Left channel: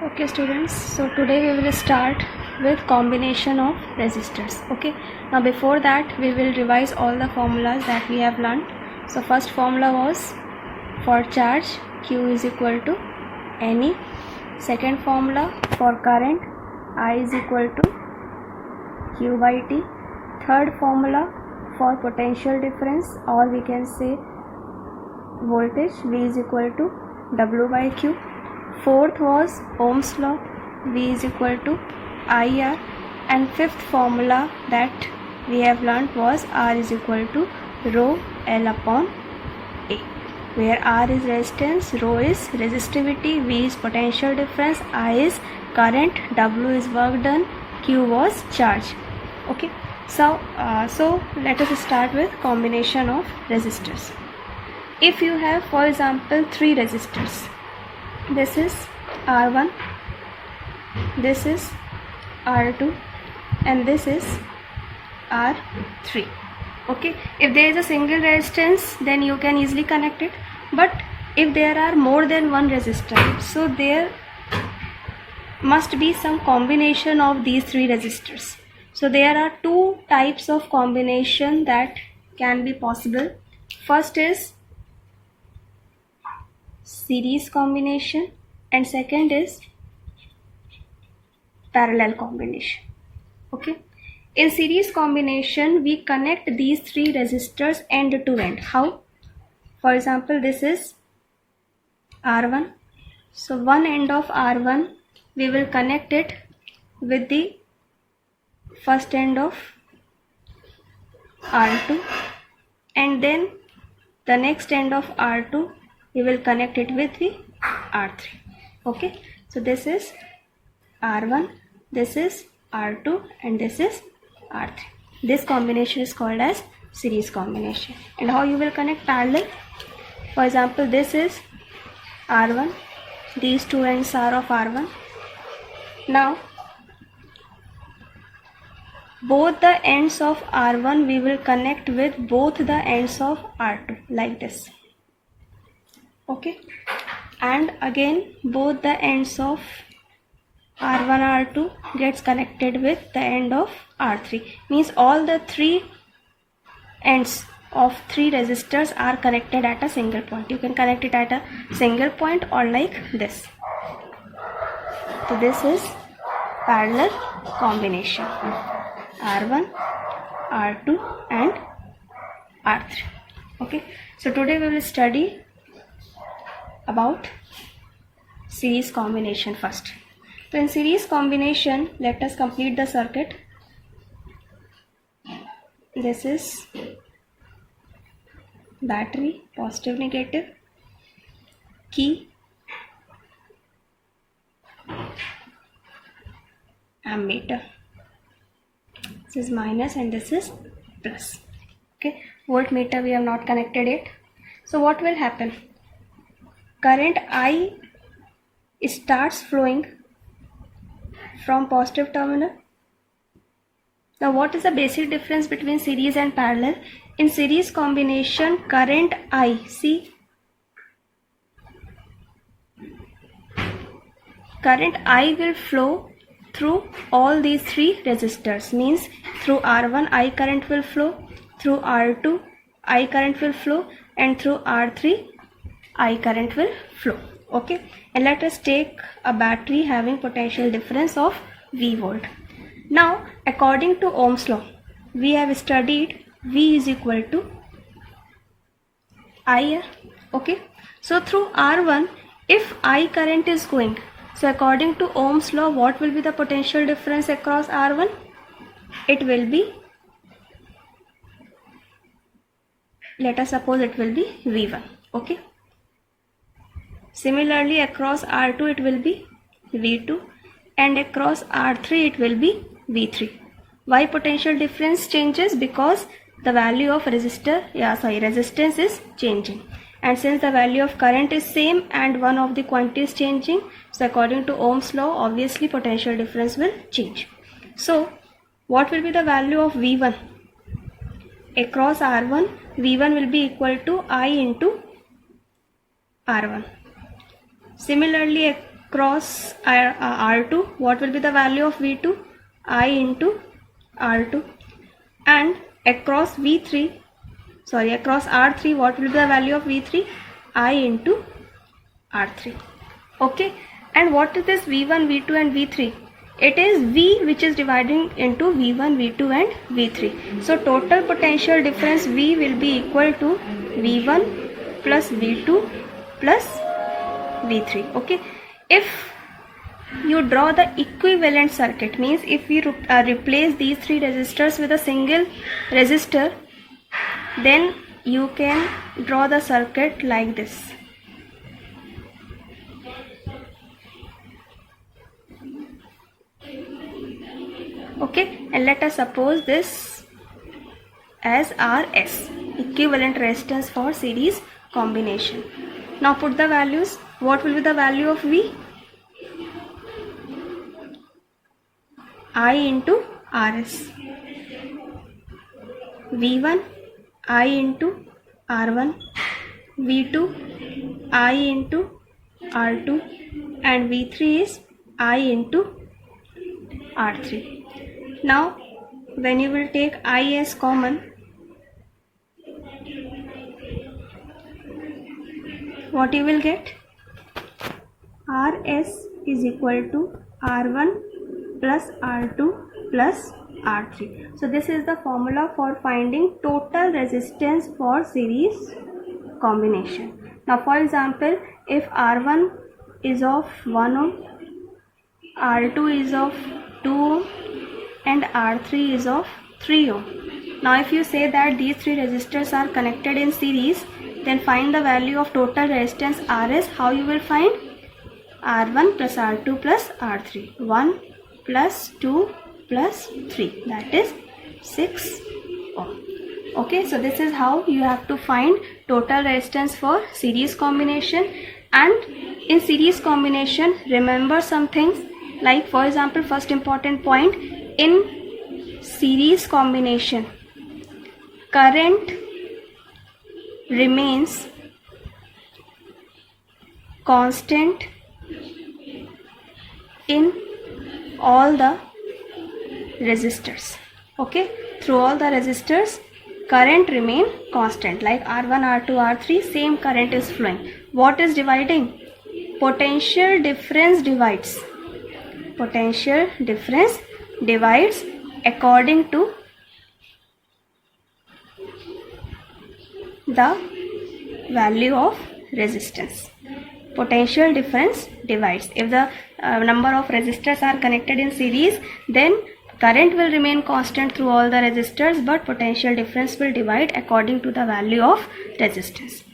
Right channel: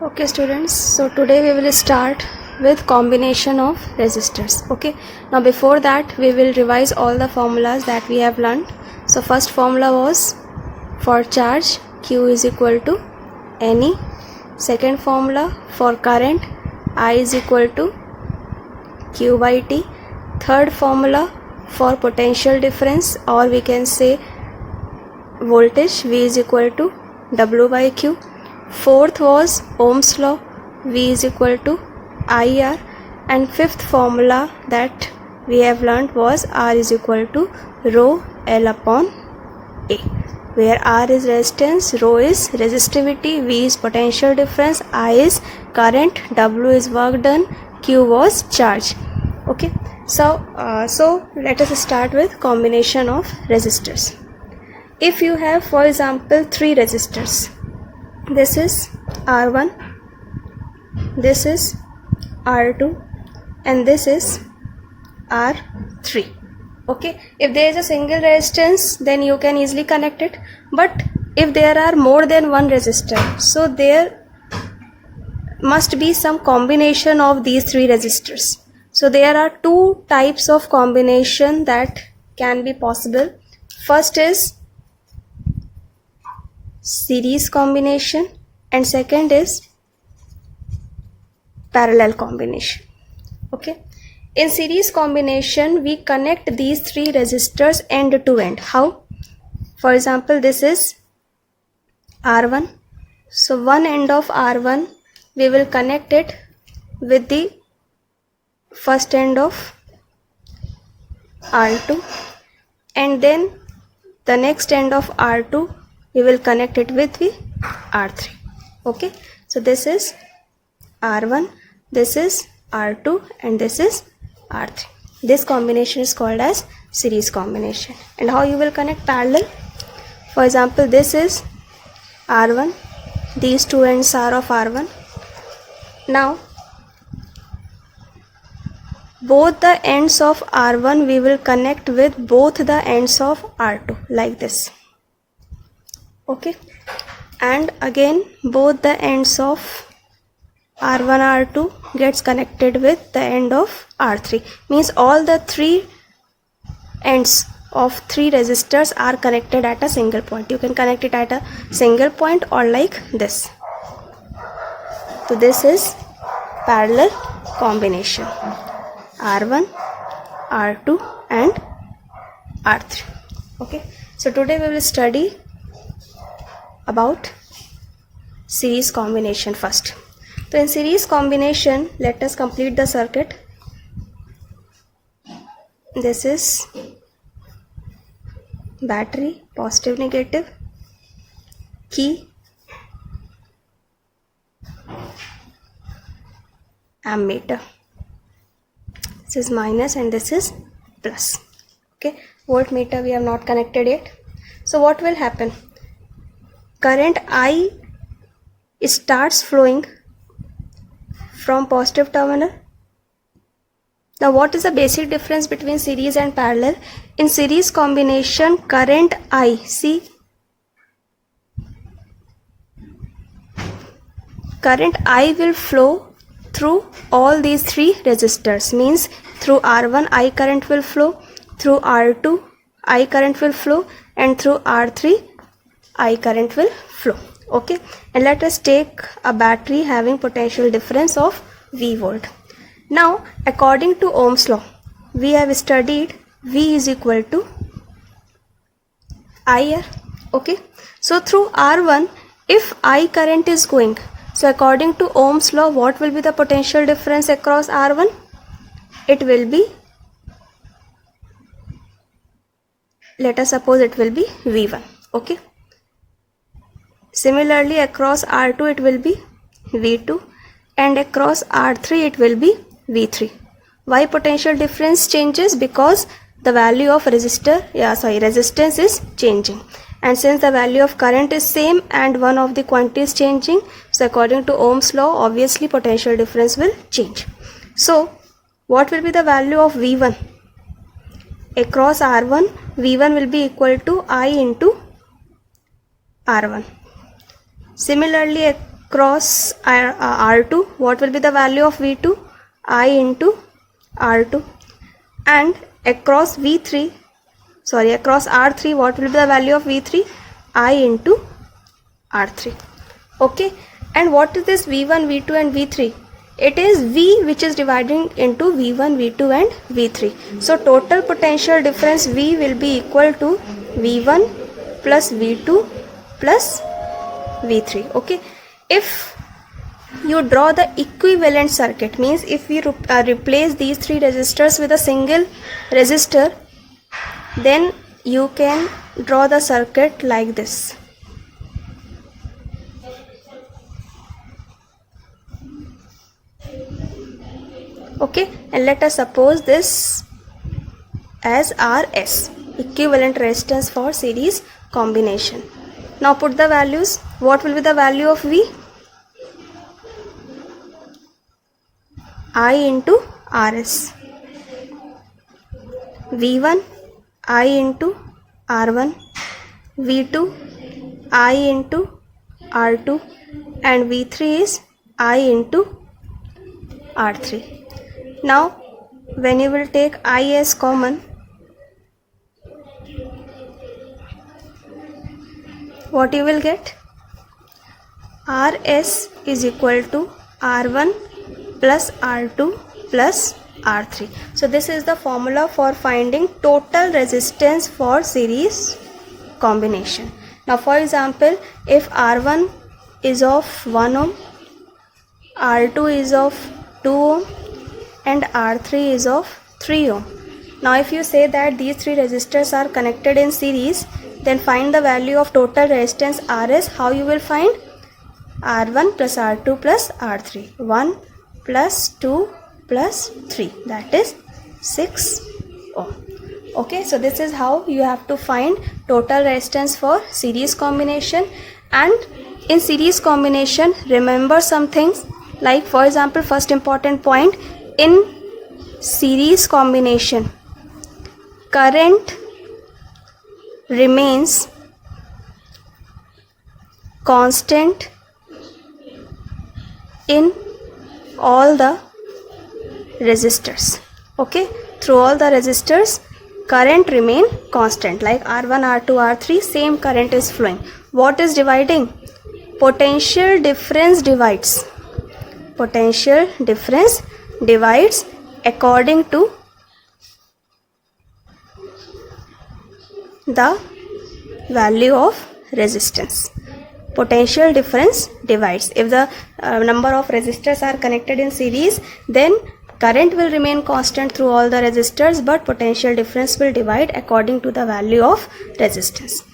Okay students, so today we will start with combination of resistors. Okay, now before that we will revise all the formulas that we have learned. So first formula was for charge Q is equal to Ne. Second formula for current I is equal to Q by T. Third formula for potential difference, or we can say voltage, V is equal to W by Q. Fourth was Ohm's law, V is equal to IR. And fifth formula that we have learned was R is equal to rho L upon A, where R is resistance, rho is resistivity, V is potential difference, I is current, W is work done, Q was charge. Okay, so let us start with combination of resistors. If you have, for example, three resistors, this is R1, this is R2, and this is R3. Okay, if there is a single resistance, then you can easily connect it. But if there are more than one resistor, so there must be some combination of these three resistors. So there are two types of combination that can be possible. First is series combination and second is parallel combination. Okay, in series combination we connect these three resistors end to end. How? For example, this is R1, so one end of R1 we will connect it with the first end of R2, and then the next end of R2 we will connect it with the R3. Okay, so this is R1, this is R2, and this is R3. This combination is called as series combination. And how you will connect parallel? For example, this is R1, these two ends are of R1. Now both the ends of R1 we will connect with both the ends of R2 like this. Okay, and again both the ends of R1 R2 gets connected with the end of R3, means all the three ends of three resistors are connected at a single point. You can connect it at a single point or like this. So this is parallel combination, R1, R2 and R3. Okay, so today we will study about series combination first. So in series combination, let us complete the circuit. This is battery, positive, negative, key, ammeter. This is minus and this is plus. Okay, voltmeter we have not connected yet. So what will happen? Current I starts flowing from positive terminal. Now what is the basic difference between series and parallel? In series combination, current I, see, current I will flow through all these three resistors, means through R1 I current will flow, through R2 I current will flow, and through R3 I current will flow. Okay, and let us take a battery having potential difference of V volt. Now according to Ohm's law, we have studied V is equal to IR. Okay, so through R1 if I current is going, so according to Ohm's law, what will be the potential difference across R1? It will be, let us suppose it will be V1. Okay, similarly across R2 it will be V2, and across R3 it will be V3. Why potential difference changes? Because the value of resistance is changing, and since the value of current is same and one of the quantity is changing, so according to Ohm's law, obviously potential difference will change. So what will be the value of V1? Across R1, V1 will be equal to I into R1. Similarly cross R2, what will be the value of V2? I into R2. And across R3, what will be the value of V3? I into R3. Okay, and what is this V1, V2 and V3? It is V which is dividing into V1, V2 and V3. So total potential difference V will be equal to V1 plus V2 plus V3. Okay, if you draw the equivalent circuit, means if we replace these three resistors with a single resistor, then you can draw the circuit like this. Okay, and let us suppose this as RS, equivalent resistance for series combination. Now put the values. What will be the value of V? I into RS. V1 I into R1, V2 I into R2 and V3 is I into R3. Now when you will take I as common, what you will get? RS is equal to R1 plus R2 plus R3. So this is the formula for finding total resistance for series combination. Now for example, if R1 is of 1 ohm, R2 is of 2 ohm and R3 is of 3 ohm. Now if you say that these three resistors are connected in series, then find the value of total resistance RS. How you will find? R1 plus R2 plus R3. 1 plus 2 plus 3, that is 6 ohm. Okay, so this is how you have to find total resistance for series combination. And in series combination, remember some things, like for example, first important point, in series combination, current remains constant in all the resistors. Okay, through all the resistors current remain constant, like R1, R2, R3, same current is flowing. What is dividing? Potential difference divides. Potential difference divides according to the value of resistance. Potential difference divides. If the number of resistors are connected in series, then current will remain constant through all the resistors, but potential difference will divide according to the value of resistance.